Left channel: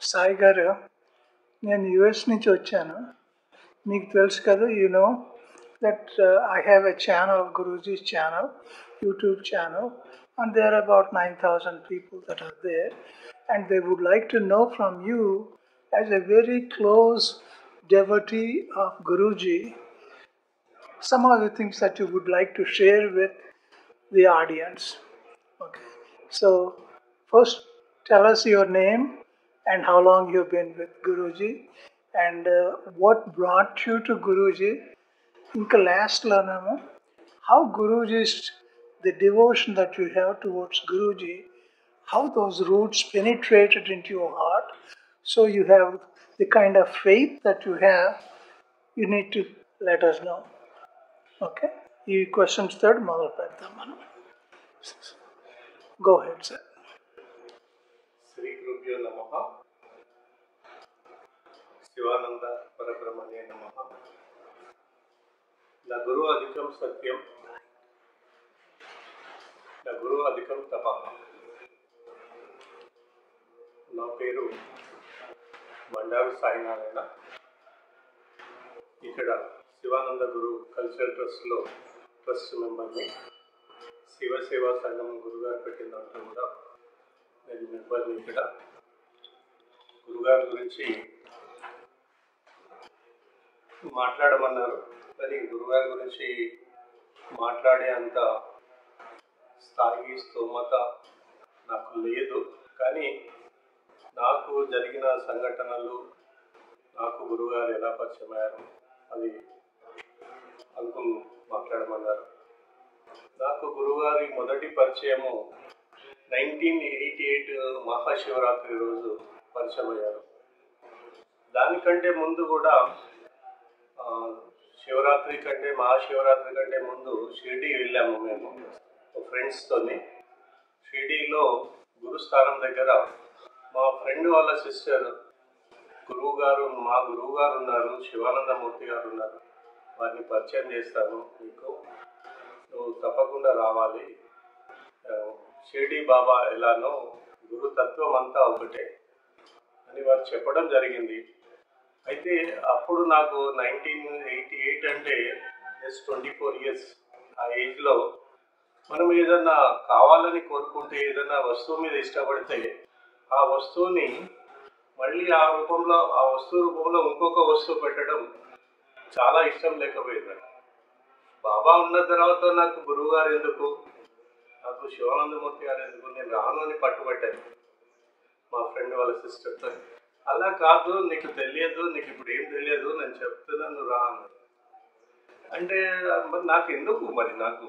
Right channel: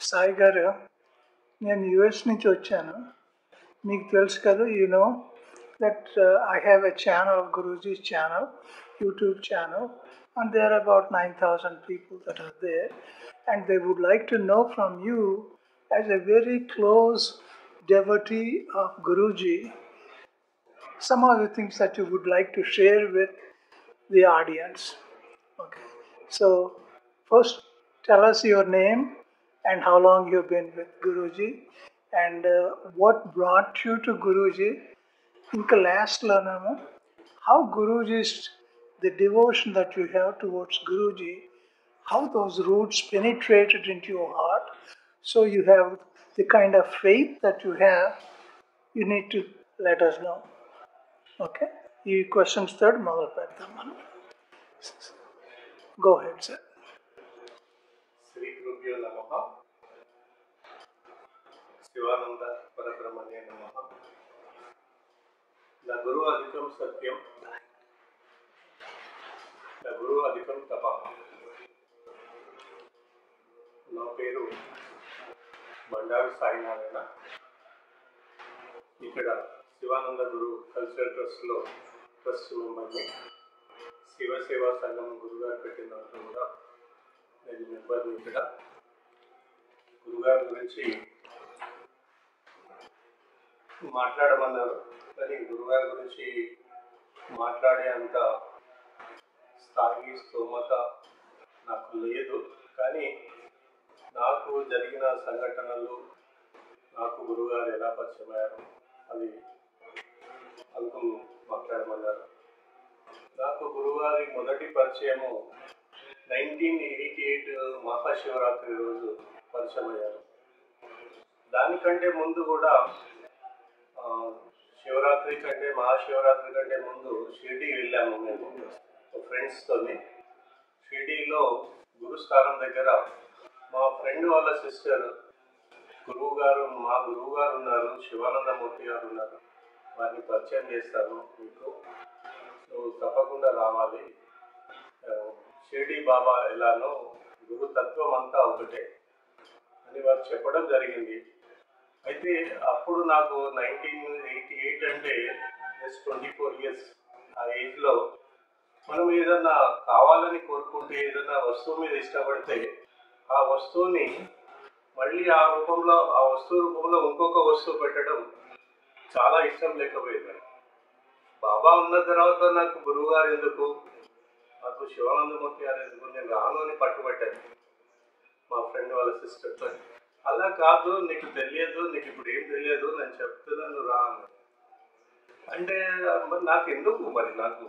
సాయి గారు, నేను యుఎస్ నుంచి వచ్చాను. మీకు తెలుసు కదా, that I have a channel, Guruji's channel, YouTube channel, and there are about 9,000 people that are there, and they would like to know from you, as a very close devotee of Guruji, some of the things that you would like to share with the audience. Okay. So, first, tell us your name and how long you've been with Guruji, and what brought you to Guruji. Inka last learnamo, how Guruji's, the devotion that you have towards Guruji, how those roots penetrated into your heart, so you have the kind of faith that you have. You need to let us know. Okay? ఈ questions third మొదలు పెడతాం మనం. Go ahead, sir. Shri గురుభ్యో నమః. శివానంద పరబ్రహ్మణ్యే నమః. నా గురు అధికం సత్యం, నా గురు అధికం తపః. నా పేరు బండారు సాయినారాయణ. ఇక్కడ శివానంద గురు కల్చరల్ ట్రస్ట్లో ట్రస్ట్ మెంబర్ని. శివసేవా సంఘం గురుగారు పెట్టిన దాంట్లో కూడా నేను మెంబర్ని. ఇక్కడ గురుగారి గురించి మాట్లాడమన్నారు, కానీ గురుగారి గురించి మాట్లాడే అంత స్థాయి స్తోమత నాకు లేదు. కానీ నాకు జరిగిన సంఘటనలు, నాకు గురుగారు ఎలా పరిచయం అయ్యారు అది అనుకుని మాట్లాడమన్నారు. నాకు గురుగారి మొదటి పరిచయము 1988 మహాశివరాత్రి రోజు పరిచయం అయ్యారు. దానికంటే ముందు కూడా శివరాత్రి కంటే, మహాశివరాత్రి కంటే ముందు షిరిడి వెళ్ళాము మేము ఫ్రెండ్స్తోని. షిరిడిలో గురుస్థానం దగ్గర మా ఫ్రెండ్ వాళ్ళ సిస్టర్ గురువుగారు, మా గురువుగారు ఉన్నారు, శివానందమూర్తి గారు ఉన్నారు, వారిని పరిచయం చేస్తాను మీకు, నువ్వు తప్పకుండా రావాలి, షిరిడి బాబా ఎలానో గురుతత్వం అంతా ఒకటే అని వారు చెప్పడం జరిగింది. అయితే అప్పుడు నాకు 1988 అంటే జస్ట్ 24 years. ఆ ఏజ్లో మనం ఏదన్నా కావాలని కోరుకుంటే, ఏదైనా వస్తువు మీద ఇష్టపడితే ఆ వస్తువుని మళ్ళీ ఆ వస్తువు రూపంలో ఇంకొక వస్తువు పెట్టడం చాలా ఇష్టం లేకపోయేది. బాబా ఉన్న తర్వాత నాకు గురువు గారు ఎందుకు, నాకు శివానందమూర్తి గారు ఎందుకు, నేను రాను అని పట్టుబట్టాను మా ఫ్రెండ్ వాళ్ళ సిస్టర్తో. అలా కాదు, నీకు తెలియదు, నీకు ఇప్పుడు ఏం తెలియదు, నేను చెప్తున్నాను రా అన్నాను. అంటే నాకు ఎందుకు, మరి నాకు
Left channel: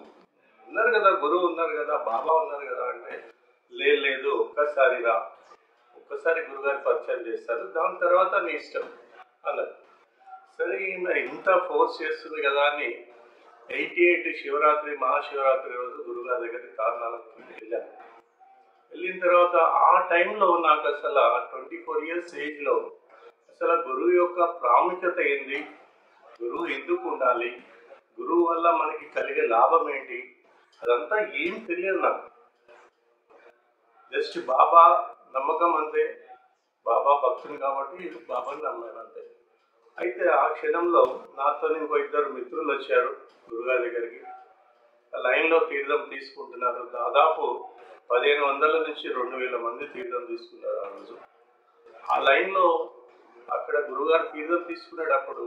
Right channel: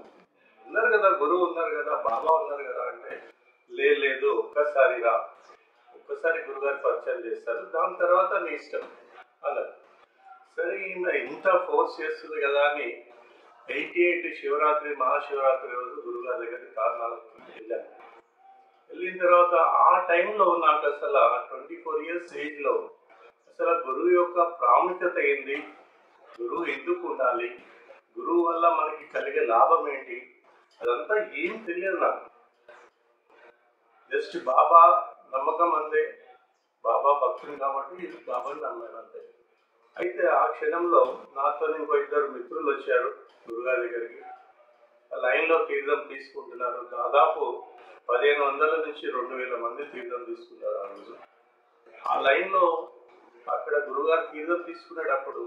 ఉన్నారు కదా, గురువు ఉన్నారు కదా, బాబా ఉన్నారు కదా అంటే, లేదు ఒక్కసారి రా, ఒక్కసారి గురుగారి పరిచయం చేస్తారు, దాని తర్వాత నీ ఇష్టం అన్నారు. సరే ఈయన ఇంత ఫోర్స్ చేస్తుంది కదా అని 88 శివరాత్రి మహాశివరాత్రి రోజు గురుగారి దగ్గరికి కారణాలకు వెళ్ళాను. వెళ్ళిన తర్వాత ఆ టైంలో నాకు అసలు 24 years ఏజ్లో అసలు గురువు యొక్క ప్రాముఖ్యత ఏంది, గురువు ఎందుకు ఉండాలి, గురువు వల్ల మనకి కలిగే లాభం ఏంటి, అదంతా ఏం తెలియదు నాకు. జస్ట్ బాబా నమ్మకం అంతే, బాబా భక్తుని కాబట్టి బాబాని నమ్మాను అంతే. అయితే ఆ క్షణంలో నాతో ఇంకో 2 మిత్రులు వచ్చారు గురుగారి దగ్గరికి. ఆ లైన్లో తీర్థం తీసుకుంటున్నారు. దాదాపు 1500 నుంచి 2000 మంది తీర్థం తీసుకున్నారు ఆ రోజు. ఆ లైన్లో అక్కడ గురుగారు తీర్థం తీసుకునేటప్పుడు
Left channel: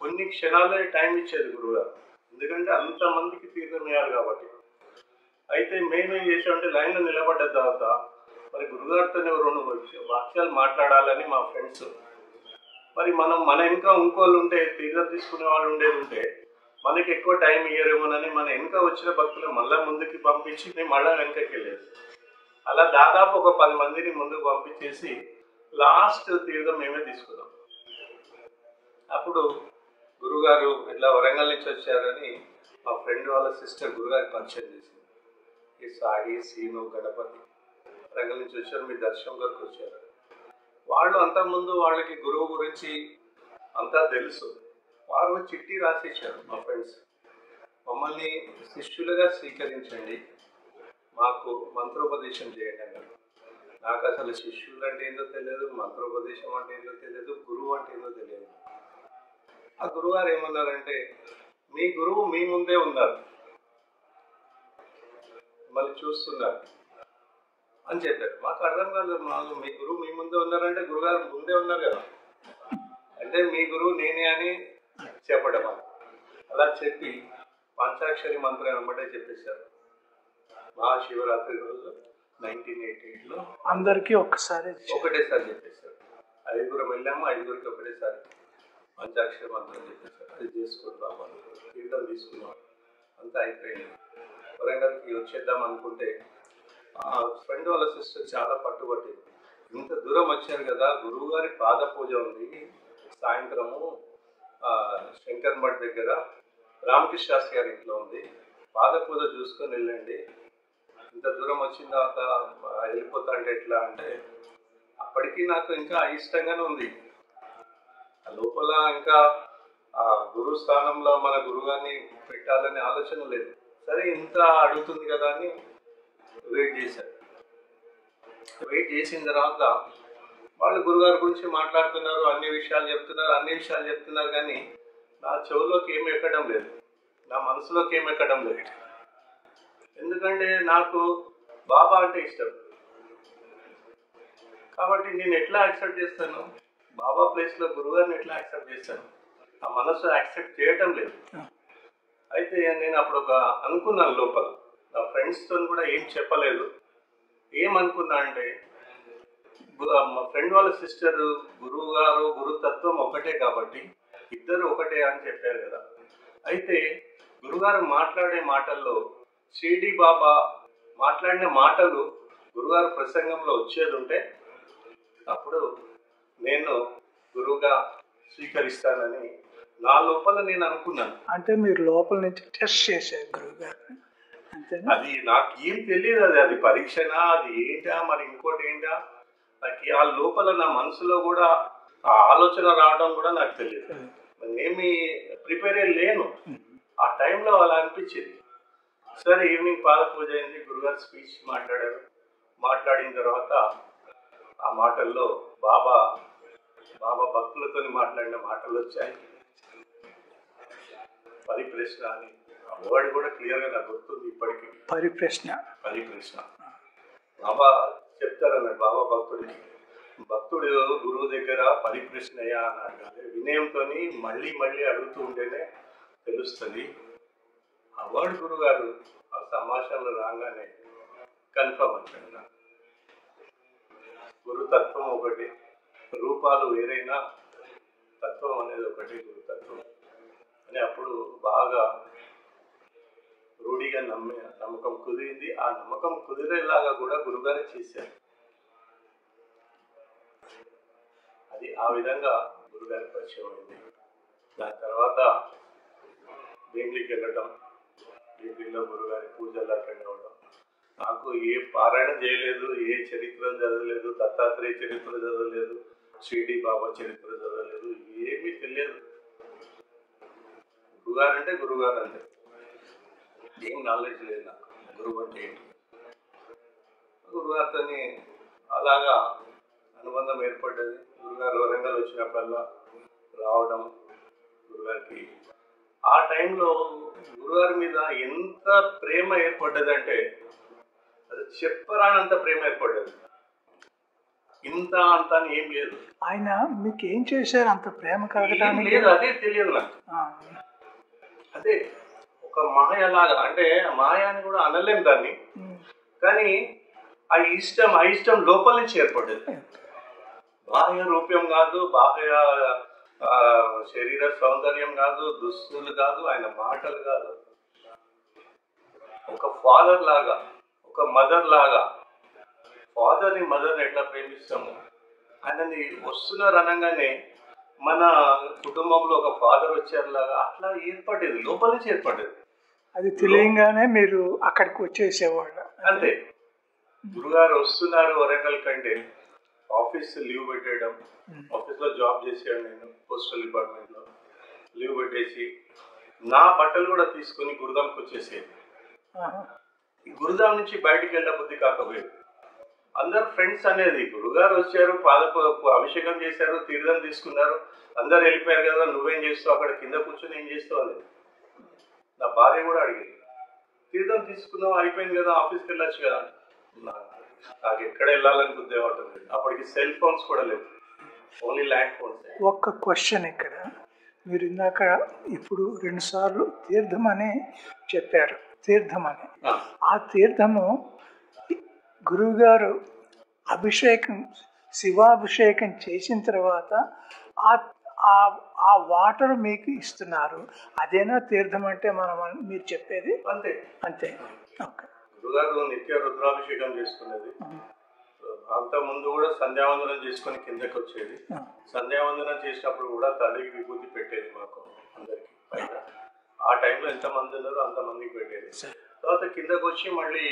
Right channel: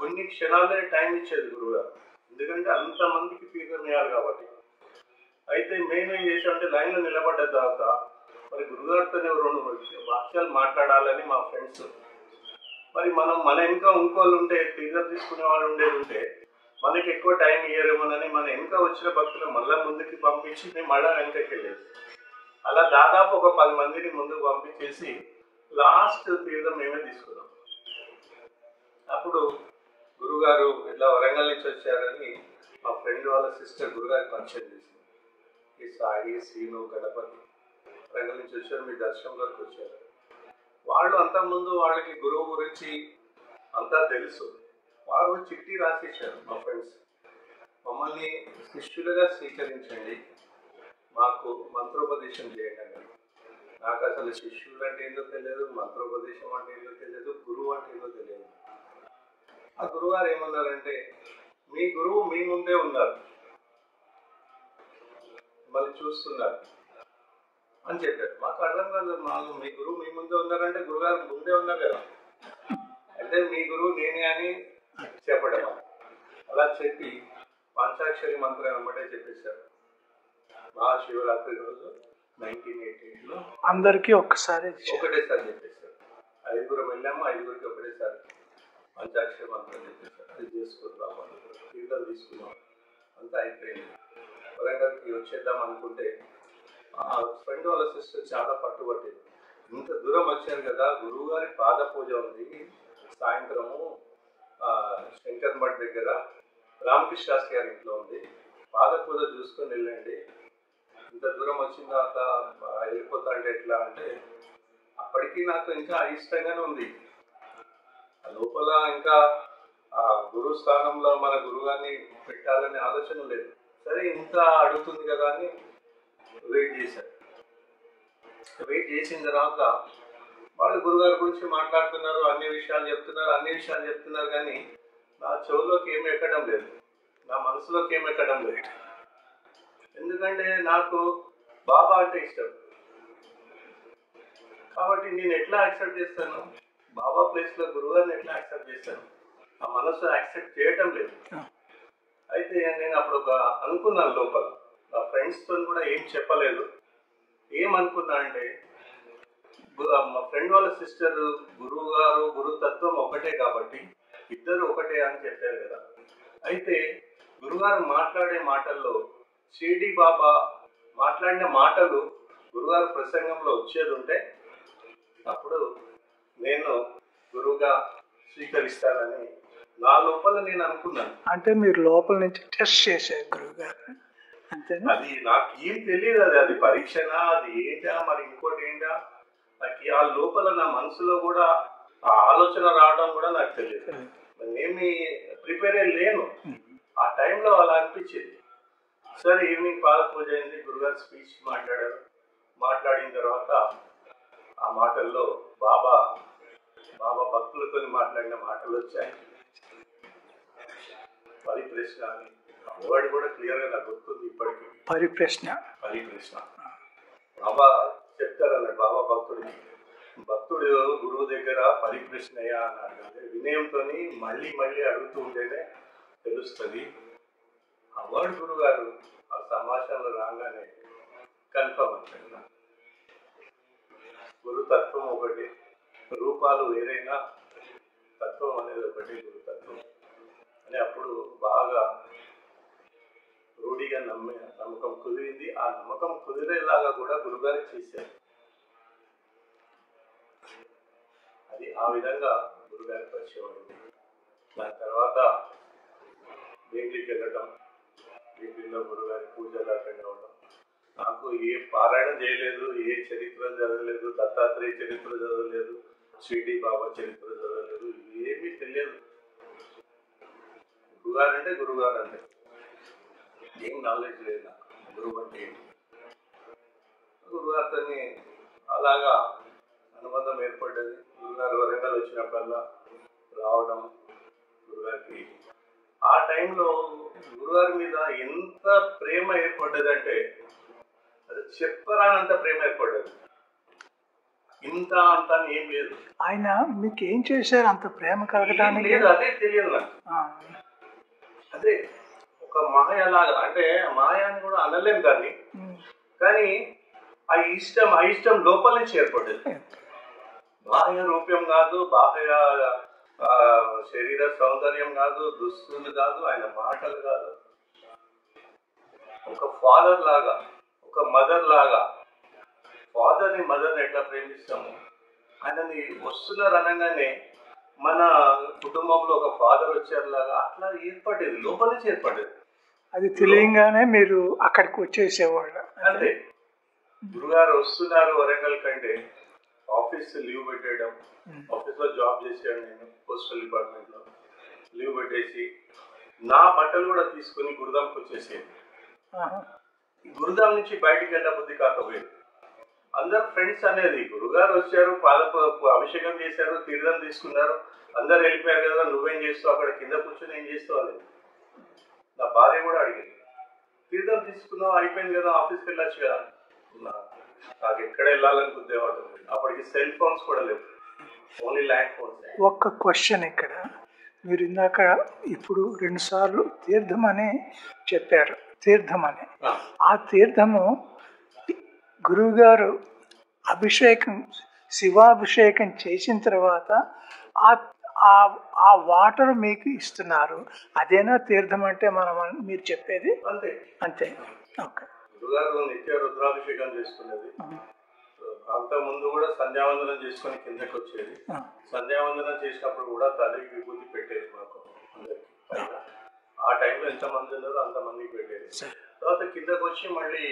కొన్ని క్షణాలే టైం ఇచ్చేది గురుగారు, ఎందుకంటే అంతమందికి తీర్థం ఇవ్వాలి కాబట్టి. అయితే మేమేం చేసామంటే లైన్లో నిలబడ్డ తర్వాత మరి గురుగారితో 2 వాక్యాలు మాట్లాడాలని మా ఫ్రెండ్స్, మరి మన ఇంకా ఇంకోళ్ళు ఉంటే, తీర్థం తీసుకునే వాళ్ళు ఉండేది ఉంటే మనకి ఎక్కువ టైం ఇయ్యరేమోనని మన ఇంకా వచ్చిన భక్తులు మళ్ళీ ముందుకి పంపించి మేము మళ్ళీ వెనకకి వెళ్ళేది. అలా దాదాపు ఒక 10 మందిని ముందుకు పంపించేసి లాస్ట్ తీర్థం మేమే తీసుకున్నాం. అప్పుడు గురుగారు ఇట్లా వరంగల్ నుంచి వచ్చారని మా ఫ్రెండ్ వాళ్ళ సిస్టర్ గురుగారికి పరిచయం చేసింది. ఈ సాయి, సీను, గణపతి వరంగల్ నుంచి వచ్చారు, మీ దర్శనం వరకు వచ్చారు. వాళ్ళు అంతకుముందు వాళ్ళకి గురువు గురించి అంతా తెలుసు. వాళ్ళు చిట్టి రాసేసారు మా ఫ్రెండ్స్, మమ్మల్ని శిష్యులుగా స్వీకరించండి, మాకు మంత్రోపదేశం చేయండి అన్నారు. నాకు అసలు శిష్యులు అంటే ఏందో తెలియదు, మంత్రోపదేశం అంటే ఏందో తెలియదు, గురువు అంటే ఏందో తెలియదు. ఆ గురువారు ఏమన్నారంటే, మీ గురువు మీ ముందే ఉన్నారు, మళ్ళీ చూస్తున్నారు అని చెప్పారు. మాకు అర్థం కాదు, మీ గురువు మీ ముందే ఉన్నారంటే గురుగారు ముందే ఉన్నారు కదా, అంటే మీ గురువు నేనే అని చెప్పడం. అలా చెప్పి పంచాక్షరి మంత్రం వెంబడే చెప్పేశారు. మహాశివరాత్రి రోజు 1988లో అందరికీ ఒకటేసారి చెప్పేశారు. 5 వెళ్ళాము, 5 ఒకటేసారి పంచాక్షరి మంత్రం చెప్పేశారు. అది చేసుకుందాం అనుకున్నాం, తీర్థం తీసుకున్నాం, అంతా అయిపోయింది. వరంగల్కి వచ్చేద్దాం అనుకుంటే ఫ్రెండ్ వాళ్ళ సిస్టర్ చాలా పట్టుబట్టింది. ఇంత దూరం వచ్చాను కదా, గురువు గారి పాద పూజ ఉంది సాయంత్రము శంకర్ మఠ్ దగ్గర, రామకృష్ణ శాస్త్రి గారి ఇంట్లో ఉంది, పాద పూజ చూసుకొని వెళ్ళండి, ఇంత దూరం వచ్చిన తర్వాత వెళ్ళిపోతా అంటే ఎట్లా అంటే, అప్పటికి నాకు ఇంకా అయిష్టంగానే ఉంది. లోపల ఇంకా గురువు స్థానంలో మన గురువుగారిని పెట్టాలనే ఆలోచన లేదు. సరే ఇంత అడుగుతుంది కదా అని వెయిట్ చేశారు. వెయిట్ చేసిన తర్వాత వాళ్ళు గురుగారి గురించి మాట్లాడుతున్నారు, అన్ని విషయాలు చెప్తున్నారు కానీ నా చెవులోకి ఏమి ఎక్కడం లేదు, నా మనసులోకి ఏమి ఎక్కడం లేదు. ఎందుకంటే నాకు బాబా అంటే ఇష్టం కాబట్టి నేను ఎట్లా యాక్సెప్ట్ చేస్తాను, బాబా ప్లేస్లో గురుగారిని ఎట్లా యాక్సెప్ట్ చేస్తాను, ఆ మనసు యాక్సెప్ట్ చేయటం లేదు. అయితే నేను అప్పుడు అనుకున్నాను లోపల, నా ఫ్రెండ్స్తో కూడా ఏం చెప్పలేదు. ఏమనుకున్నా అంటే, మా ఫ్రెండ్ వాళ్ళ సిస్టర్ గురువు గారు గురుతత్వం ఒకటే కాబట్టి ఇద్దరు ఒకటే అని చెప్పారు కదా. అయితే గురుగారు మాట్లాడే మాటల్లో షిరిడి బాబా మాట్లాడిన మాటలు గురుగారు ప్రసంగంలో వచ్చేది ఉంటే అప్పుడు నేను గురువుగా స్వీకరిస్తానని నా లోపల నేను అనుకున్నాను. అంటే మీరు లోపల నుంచి టెస్ట్ చేశారు గురువు గారు, అంతేనా? అది నాకు ఏం తెలియదు, అది పరీక్షనా, అది ఏంటా, మరి ఇంకోటి ఏంటా, నాకు ఆ లోపల నా మనసులో కూడా ఆ ఆలోచన రావడం కూడా నాకు తెలియదు. నేనేమి ప్రిపేర్ అయ్యి లేను. ఆ టైంలో అలా అనిపించింది. సరే ఈవినింగ్ పాద పూజ అయింది, గురుగారు స్పీచ్ మాట్లాడారు. మాట్లాడిన తర్వాత ఆ మాటల్లో బాబా భక్తులతో మాట్లాడిన మాటలు వచ్చాయి. పరిప్రశ్న అని ఆ వర్డ్ కూడా క్లియర్గా నాకు గుర్తుంది ఇప్పటికీ. పరిప్రశ్న బాబా చెప్తారన్నాడు. బాబా భక్తుడు గురువు దగ్గర పరిప్రశ్నయ్యా అన్నాడు. వినయంతో మళ్ళీ అడుగుతూ ఉంటేనే తెలుస్తుంది. ఆ వర్డ్ గురువు గారు ఆ సంభాషణలు రాగానే కన్ఫర్మ్ అవుతుంది. గురుతత్వం ఒకటి, రూపాలు వేరైనా తత్వం అనేది ఒకటి, గురుతత్వం అని అప్పుడు బాగా రూఢిగా నమ్మకం కుదిరింది. ఆ నమ్మకం కుదిరేలాగా కూడా గురుగారే చేశారు. అది ఆ విధంగా గురుగారి పరిచయం అయింది. దాని తర్వాత భీమిలికి వెళ్ళడం, భీమిలిలో గురుగారి పూజలు అటెండ్ అవ్వడం. నాకు ఏ పారాయణం చేయలేదు, ఏ చరిత్రలు చదవలేదు, దత్తాత్రేయ చరిత్ర చదవలేదు, షిరిడి బాబా చరిత్ర చదవలేదు, ఏమీ తెలియదు. గురుగారు అంటే గురుగారు అంటే ఏం నాలెడ్జ్ లేదు నాకు, గురువు అంటే ఏంటి. గురుగారితోని అలాగా అనుబంధం ఏర్పడ్డది. గురుగారు వరంగల్ వచ్చినప్పుడల్లా రావడం, గురుగారికి ఆ టైంలో గురుగారి మీద ఎంత ప్రేమ ఏర్పడ్డదంటే అది చెప్పరానంత ప్రేమ ఏర్పడ్డది. ఇంత అంత ఏం లేదు. ఆయన మీకు ఏం చేశారు అంత ప్రేమ కలగడానికి? లేదు, అదే తెలియదు నాకు. అదే ఒక మాయలాగా, అంటే మాయ అని కూడా అనలేం దాన్ని, కానీ ఆ ఇష్టం లోపల నుంచి ఏర్పడేది. బాహ్య రూపం కాదు, బాహ్య శరీర సౌందర్యం కాదు, దుస్తులు కాదు, ఆయన మాటలు కాదు. ఒక ఫాదర్ లాగా, ఒక మదర్ లాగా, ఫాదర్ని మదర్ని ఎట్లా ప్రేమిస్తాము, ఆయనని వస్తున్నారు అనగానే మన కుటుంబంలో ఒక ఫాదర్ వచ్చేలాగా అట్లా ఏర్పడేది, లోపల నుంచి ఏర్పడేది. అది తెలియగానే మీరు అక్కడికి వచ్చేసేవాళ్ళు. అంతే. గురుగారు వస్తున్నారు వరంగల్ కంటే ఆఫీస్ లీవ్ పెట్టేయడం. ఆఫీస్లో జాబ్ చేసాను నేను, పోస్టల్ డిపార్ట్మెంట్లో. లీవ్ పెట్టేసి నా బట్టలు కూడా తీసుకొని గురుదాంకి వచ్చేసేది. గురుదాం నుంచి బయటికి వెళ్ళబుద్ధి కాకపోయేది. అందరు ఫ్రెండ్స్ అనేది. గురుగారు వచ్చారు, అభిషేకం చేశారు, తీర్థం తీసుకున్నారు, అందరు వెళ్ళిపోయారు కదా, నువ్వేం చేస్తావు అక్కడ కింద కూర్చొని ఏం చేస్తావు అనేది నా భార్య కూడా అడిగింది. తీర్థం తీసుకున్నావు అయిపోయింది కదా, ఆఫీస్కి వెళ్ళొచ్చు కదా. నాకు ఎక్కడ వెళ్ళాలని గుర్తేవాడు. అప్పటికి సెల్ ఫోన్స్ కూడా లేవు, ఓన్లీ ల్యాండ్ ఫోన్స్. ఒక్క క్వశ్చన్ ఇక్కడ, మీరు ఇందాక ఇప్పుడు 2 సార్లు తీర్థం అని చెప్పారు, తీర్థం అని. ఆ తీర్థము గురువుగారు అభిషేకం, శివాభిషేకం చేసిన తర్వాత ఆ వాటర్ మీకు ఇస్తున్నారు, అదేనా తీర్థం అంటే మనం మీరు చెప్పేది? అంతే అంతే. ఓకే. గురుగారు నిత్య రుద్రాభిషేకం చేసుకునేది. అంత ముందు కూడా సంధ్యావందనం చేసుకొని కిందకి వచ్చేది. సంధ్యావందనం చేసినప్పుడు కూడా తల్లి విభూతి పెట్టేది మాకు అందరికి పైన. ఆ టైంలో ఎంతమంది ఉన్నారో అంతమందికి పెట్టేది. తర్వాత కిందకి వచ్చి మళ్ళీ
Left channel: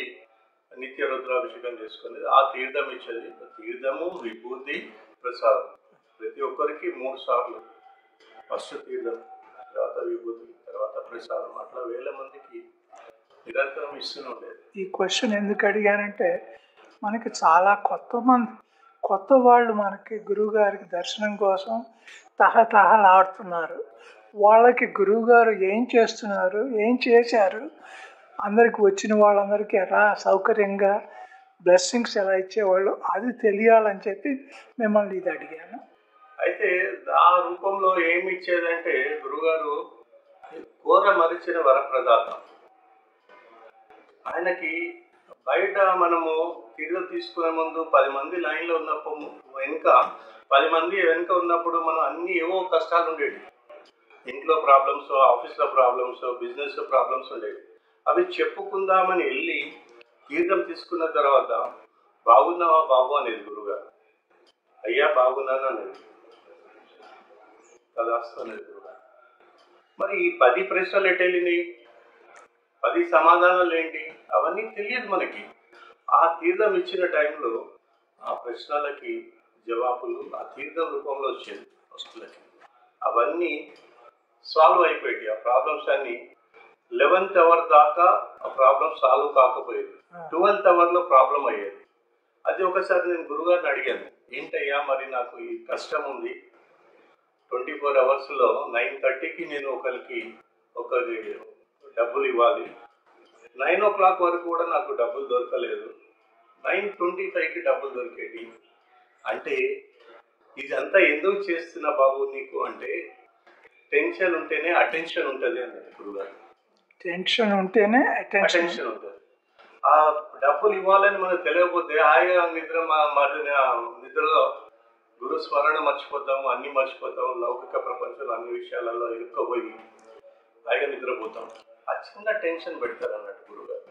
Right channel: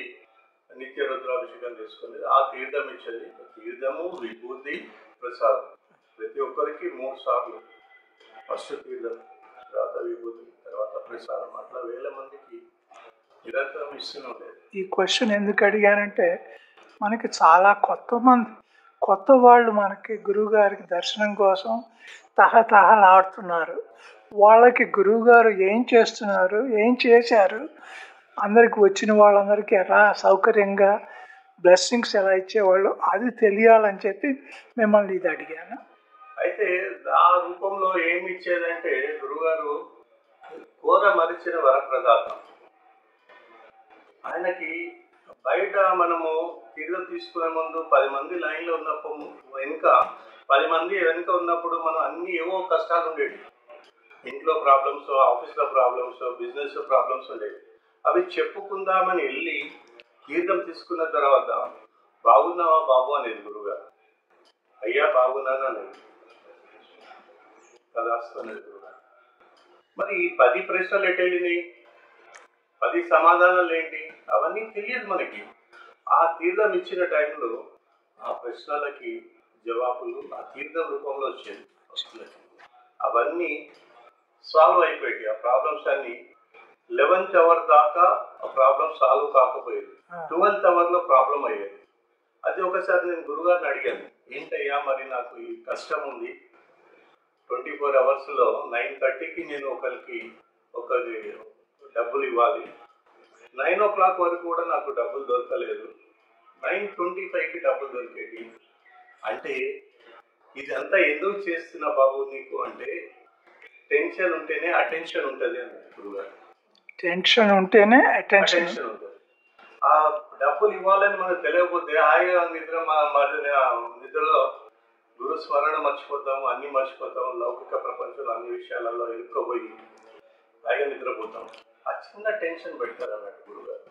నిత్య రుద్రాభిషేకం చేసుకుని ఆ తీర్థం ఇచ్చేది. తీర్థము, విభూతి, ప్రసాదం ప్రతి ఒక్కరికి 3 సార్లు. ఫస్ట్ తీర్థం, తర్వాత విభూతి, తర్వాత ప్రసాదం, అట్లా వేల మందికి నిరంతరం ఇస్తూనే ఉండేది. ఈ క్వశ్చన్ ఎందుకు అడిగానంటే, మనకి చాలా కొత్త వాళ్ళు మనకి గురువుగారికి దర్శనం కోసం తహతహలాడుతున్నారు. వాళ్ళకి గురువుగారు ఏం చేస్తున్నారు, ఏం చేశారు, అందరికి వచ్చిన వాళ్ళందరికీ ఎలా సౌకర్యంగా బ్లెస్సింగ్స్ ఎలా ఇచ్చేవాళ్ళు, అది తెలియాలని చెప్పి మిమ్మల్ని ఇది అడిగాను. అయితే ఆ రూపంలో ఏమి ఇచ్చేదంటే గురువుగారు ఘోర మరిచిన వరప్రదాతం. ఆయనకి బయట మనము తీర్థం తీసుకునే ముందు 10 మంది లైన్లో ఉన్నప్పుడు వెనుక 10 మంది వెనుక ఉన్నప్పుడు మనం అన్ని ఏవో కష్టాలు ఉండేవి. ఇంట్లో ప్రాబ్లమ్స్, ఆఫీస్లో ప్రాబ్లమ్స్, బిజినెస్ ప్రాబ్లమ్స్ ఉండేవి. అవి చెప్పుకుందామని వెళ్ళి తీర్థం తీసుకున్న తర్వాత బాగున్నావా బాబు అనేది గురువుగారు. అయ్యా బాగున్నాను అనేది కదాస్తలేదు గురువుగారు. మరి ఈ 10 ప్రశ్నలు ఎటు వెళ్ళినాయి, 10 సమాధానాలు ఏంటి, అవన్నీ తెలియదు మనకి. ఆ తీర్థం ఇచ్చిన టైంలో ఆ ప్రశ్నలకి జవాబులు ఆ తీర్థం రూపంలో వచ్చేది వస్తువులకి. అవన్నీ సాల్వ్ అయిపోయాయి. ఆ ప్రాబ్లమ్స్ అన్ని 11th అవర్ దాకా ఆ ప్రాబ్లం సాల్వ్ కాకపోయేది. 12th అవర్లో ప్రాబ్లం అయ్యేది. అది ఒకసారి నేను గురుగారిని అడిగాను, ఏంటయ్యా మరి నాకు ఈ కష్టం ఉంది, 24 అవర్స్లో 9:30కి నేను ఒకరికి డబ్బులు ఇవ్వాలి, 9 o'clock వరకు కూడా నాకు డబ్బులు దొరకలేదు, 9:25కి డబ్బులు దొరికేది. అంటే ఇదంతా ఎందుకు చేస్తున్నా బాబు నీకు అంటే, టెన్షన్ ఉంటేనే అటెన్షన్ ఉంటుంది అన్నది గురుగారు. టెన్షన్ ఉంటేనే అటెన్షన్ ఉంటుంది. ఆ డబ్బులు ఇవ్వాలని మనకు తెలియకపోతే హాయిగా నిద్రలో గురు స్మరణ మర్చిపోతాము, అన్ని మర్చిపోతాము, లౌకిక ప్రపంచంలో అన్ని విషయాలలో ఇరుక్కోపోయి హాయిగా నిద్రపోతాం. ఆ చిన్న టెన్షన్ పెడతారు అన్నట్టు గురుగారు.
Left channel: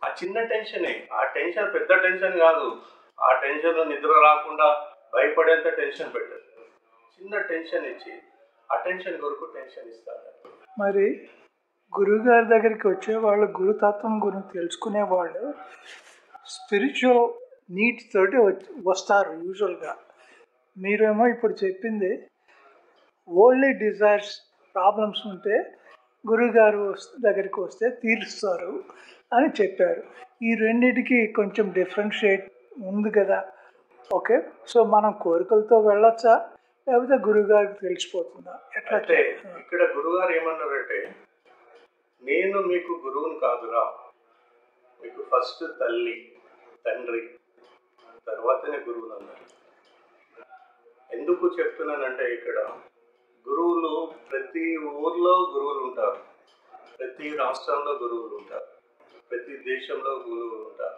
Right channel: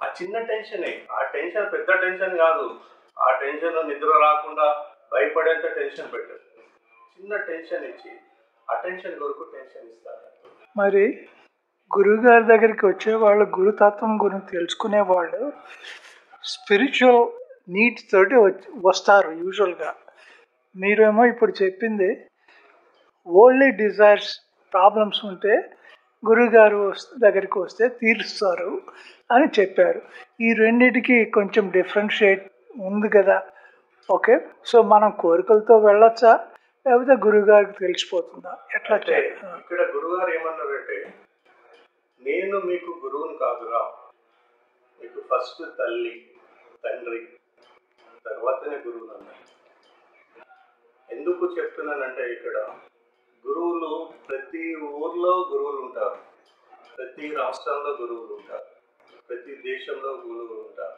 ఆ చిన్న టెన్షనే, ఆ టెన్షన్ పెద్ద టెన్షన్ కాదు. ఆ టెన్షన్ నిద్ర రాకుండా భయపడేంత టెన్షన్ పెట్టారు. చిన్న టెన్షన్ ఇచ్చి ఆ టెన్షన్ కొరకు టెన్షన్ ఇస్తారు. మరి గురువుగారి దగ్గరికి వచ్చేవాళ్ళు గురుతత్వం గురించి తెలుసుకునే వాళ్ళు స్పిరిచువల్ నీడ్స్ తోటి వస్తారు యూజువల్గా. మీరేమో ఇప్పుడు చెప్పింది వరల్డ్లీ డిజైర్స్ ప్రాబ్లమ్స్ ఉంటే గురువుగారు దగ్గరికి వస్తే తీరుస్తారు అని చెప్పారు. ఈ రెండింటికి కొంచెం డిఫరెన్షియేట్ ఉంది కదా. ఓకే, సో మనం కోరికలతో వెళ్ళొచ్చా, లేకపోతే గురువుగారికి తెలిసిపోతుందా, ఎట్లా? ఇక్కడ గురువుగారు ఏమన్నారంటే, నేను మీకు గురువుని కాదురా, మీకు ఫస్ట్ తల్లి తండ్రి తర్వాతనే గురువులు అన్నారు. ఎందుకు చెప్తున్నానంటే, ఇక్కడ గురువులు ప్రతి ఊర్లో గురువులు ఉంటారు, ప్రతి రాష్ట్రంలో గురువులు ఉంటారు, ప్రతి దేశంలో గురువులు ఉంటారు.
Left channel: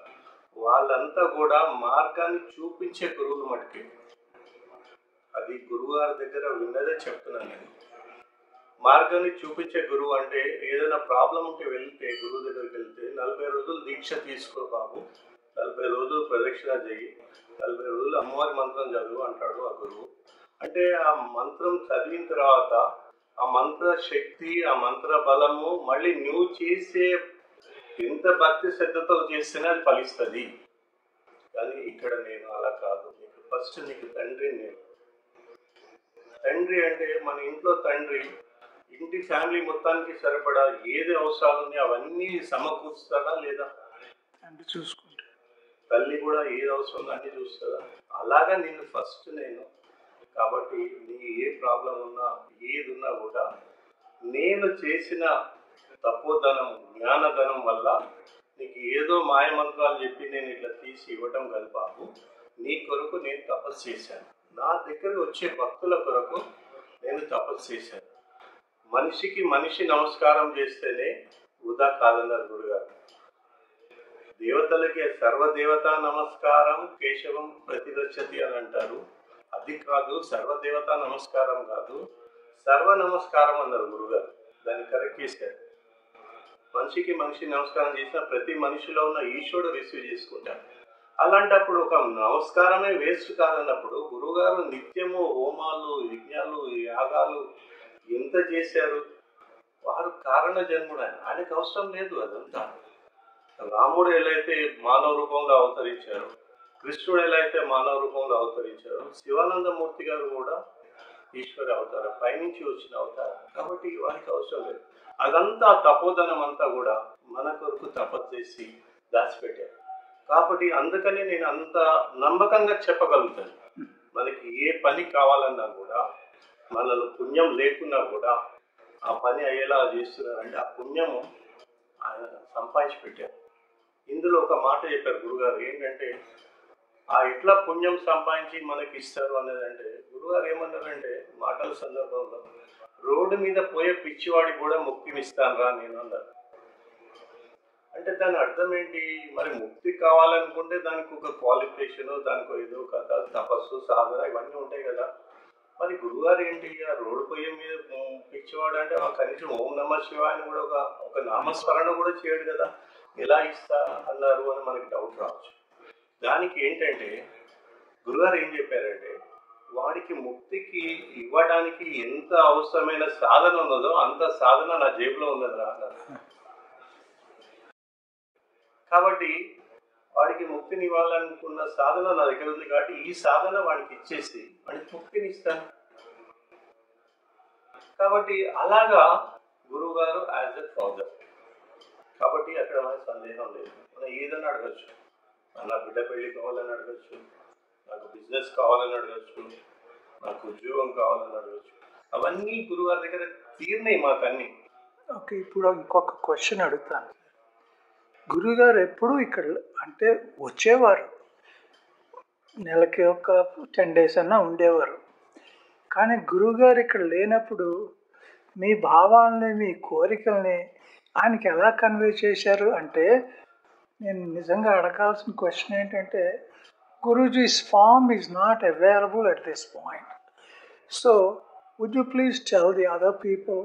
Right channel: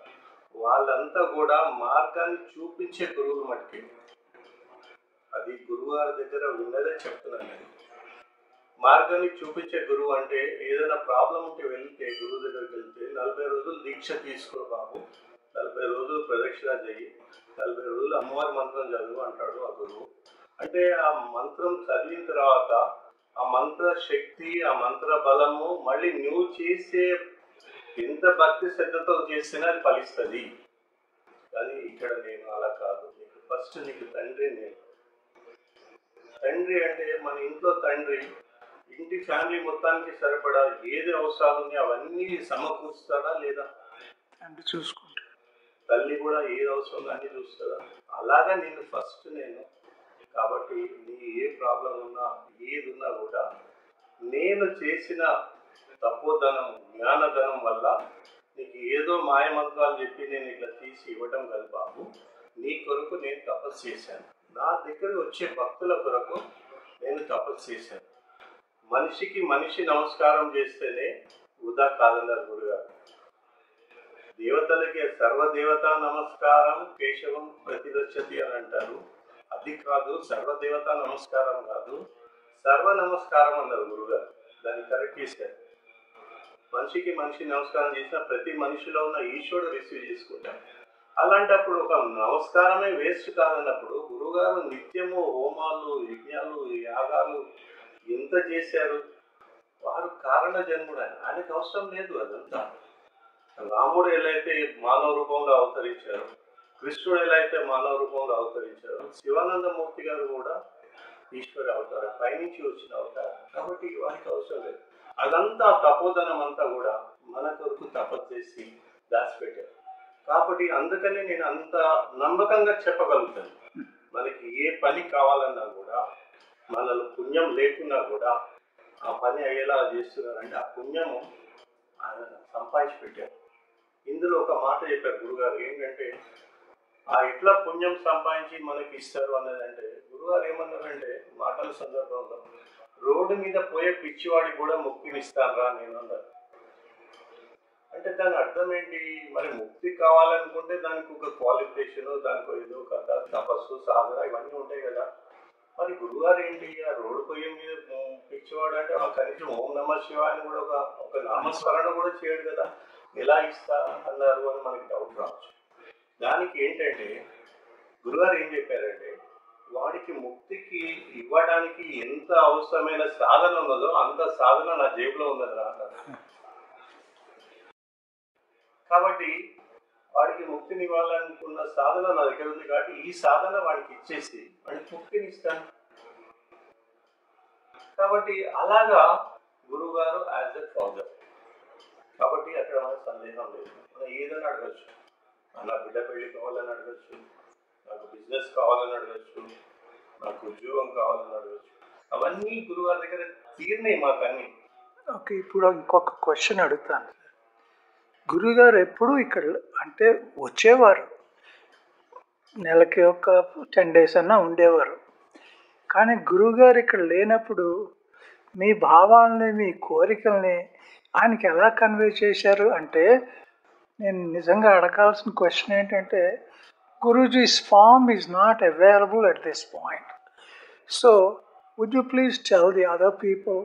వాళ్ళంతా కూడా మార్గాన్ని చూపించే గురువులు మటుకే. అది గురువుగారి దగ్గర ఉన్నదే చెప్తున్నాను నేను. మార్గాన్ని చూపించే గురువు అంటే ఏదైనా ప్రాబ్లం ఉంటే వెళ్తే గురువు దగ్గరికి వెళ్తే 40 రోజులు దీక్ష తీసుకో బాబు, 40 రోజులు ప్రదక్షిణ చేయి, 40 రోజులు అమ్మవారి మంత్రం చదువు అంటాడు ఆ గురువు. అంటే ఆ మంత్రం చదివిన తర్వాత ఆ మంత్ర శక్తి, ఆ మంత్ర బలము మళ్ళీ నువ్వు చేసే ఎంత భక్తి శ్రద్ధతో చేస్తేనే అది ఫలిస్తుంది. కానీ ఇక్కడ నేను అలా కాదు. ఫస్ట్ నీకు తండ్రి. నేను తండ్రి అంటే మన ఇంట్లో తండ్రి ఇంటి ఫ్యామిలీ మొత్తానికి సరిపడా ఏది అవసరాలు ఉంది అవన్నీ సమకూరుస్తారా లేదా చూసుకుంటారు. తల్లి కూడా ఏది అవసరం అన్ని చూస్తుందా, అలాగా నేను ఫస్ట్ నేను. కాబట్టి నీ ఏ ప్రాబ్లం ఉన్నా ఏది ఉన్నా కూడా నేను చేసిన తపోధనం జ్ఞానధనం వల్ల నీకు ఏదో మాయమంత్రాలు చెప్పి నేను ఇట్లా తీసి ఇవ్వటం కాదు బాబు, నీ కొరకు నేను తపస్సు చేశాను. నా దగ్గర వచ్చే భక్తుల కొరకు నేను తపస్సు చేశాను. మనిషికి మనిషి నమస్కారం చేస్తేనే వృధా కాదన్నారు గురుగారు. దేవతలకి సర్వదేవత నమస్కారం కేశవం ప్రతిరక్షతి అని అంటారు. అది కాదు, సర్వదేవత నమస్కారం కాదు, సర్వ నమస్కారం అన్నారు గురుగారు. దాన్ని కరెక్ట్ చేశారు. మనిషికి మనిషి నమస్కారం చేసిన ప్రతి మనిషిలో ఉన్న ఈశ్వరుడు రిసీవ్ చేసుకుంటారు. అలాంటప్పుడు ఒక నమస్కారమే వేస్ట్ కాదన్నప్పుడు గురుగారు నిత్యము హోమాలు యజ్ఞాలు యాగాలు ఎంత చేశారు. వారు కారణ జన్ముడు. ఆయనకు అవసరం లేదు అదంతా. రాముడు ఎలా అయితే మానవ రూపంలో అవతరించారు, కృష్ణుడు ఎలా అయితే మానవ రూపంలో అవతరించారు, శివానందమూర్తి గారు కూడా ఈశ్వర అవతారం, పైనుంచి వచ్చిన అవతారం. కాబట్టి వారికి అవసరం లేదు. అదంతా తపోధనం అంతా కూడా మన కొరకు తపస్సు చేసి దాచిపెట్టారు. కాబట్టి అందుకని నేను అంత నమ్మకంగా చెప్పగలుగుతాను. మనకి ఏ పని కావాలన్నా కూడా మనలో పుణ్యం లేకున్నా కూడా ఆ పని అయ్యేలా చేస్తున్నారంటే ఆ పుణ్యము ఆయన సంపాదించి పెట్టారు. ఇందులో ఒక మాట చెప్పారు గురుగారు, ఏంటంటే ఆ ఎట్లా పుణ్యం సంపాదించి మనకి ఇస్తారు అన్నదంటే, గురుగారు ఏమన్నారంటే మాటల సందర్భంలో, రోడ్డు మీద పోయే పిచ్చివాడికి కూడా ముక్తిని ఇస్తానరా నేను అన్నారు. అంటే దాని అర్థం ఏంటి? మరి ముక్తి కావాలనుకుంటే దానికి ఒక క్వాలిఫికేషన్, దానికి ఏదో కథ, తపస్సు, సాధన ఇవన్నీ ఉంటాయి కదా. మరి గురుగారు ఏంటి ఆ రోడ్డు పోయే మీద పిచ్చివాడు అంటే ఆ కనీసం ఓం నమ శివాయని కూడా ఒక నామస్మరణ కూడా చేయడు కదా, ఎలా ఇస్తా అన్నారు అని మనకి డౌట్ రావచ్చు. దానికి ఏంటంటే గురుగారు ఏం చెప్పారంటే, వాడికి ముక్తికి ఇవ్వడానికి ఎంత అవసరమైన సాధన ఉన్నదో అంత సాధన నా జేబులో ఉన్నదా అన్నారు. కాబట్టి వాడికి ముక్తిని ఇవ్వాలనుకున్న సాధన నా దగ్గర ఉంది కాబట్టి ఈ సాధన వాడికి ఇచ్చేసి వాడికి ముక్తిని ఇస్తాను. కాబట్టి అలాగా గురువు గారు యాజ్ ఎ ఫౌండర్. కాబట్టి అక్కడ మనకు సందేహం లేదు. మనం ఏదైనా అడగచ్చు. నా బిడ్డ పెళ్లి కావాలని అడగచ్చు, నాకు బిజినెస్ కావాలని అడగచ్చు, నాకు ఉద్యోగం కావాలని అడగచ్చు. అవన్నీ గురుగారి దగ్గర తీరినాయి మాకు అన్ని. ఓకే, ఇప్పుడు ఇంకొక క్వశ్చన్ అడుగుతాను. గురుగారు ఎప్పుడు ఇక్కడ అంటే వచ్చేవారు, నెలకి ఒక 10 days అన్నా ఉండేవారు. కానీ గురుగారు ఇక్కడ లేనప్పుడు మీ భావాలని, మీ కోరికల్ని ఆయనకి ఎలా కన్వే చేశారు అంటే, నేను నిజంగా అడగాల్సిన క్వశ్చన్ ఏంటంటే, Guruji's farm is not available at this point. So would you please tell the other people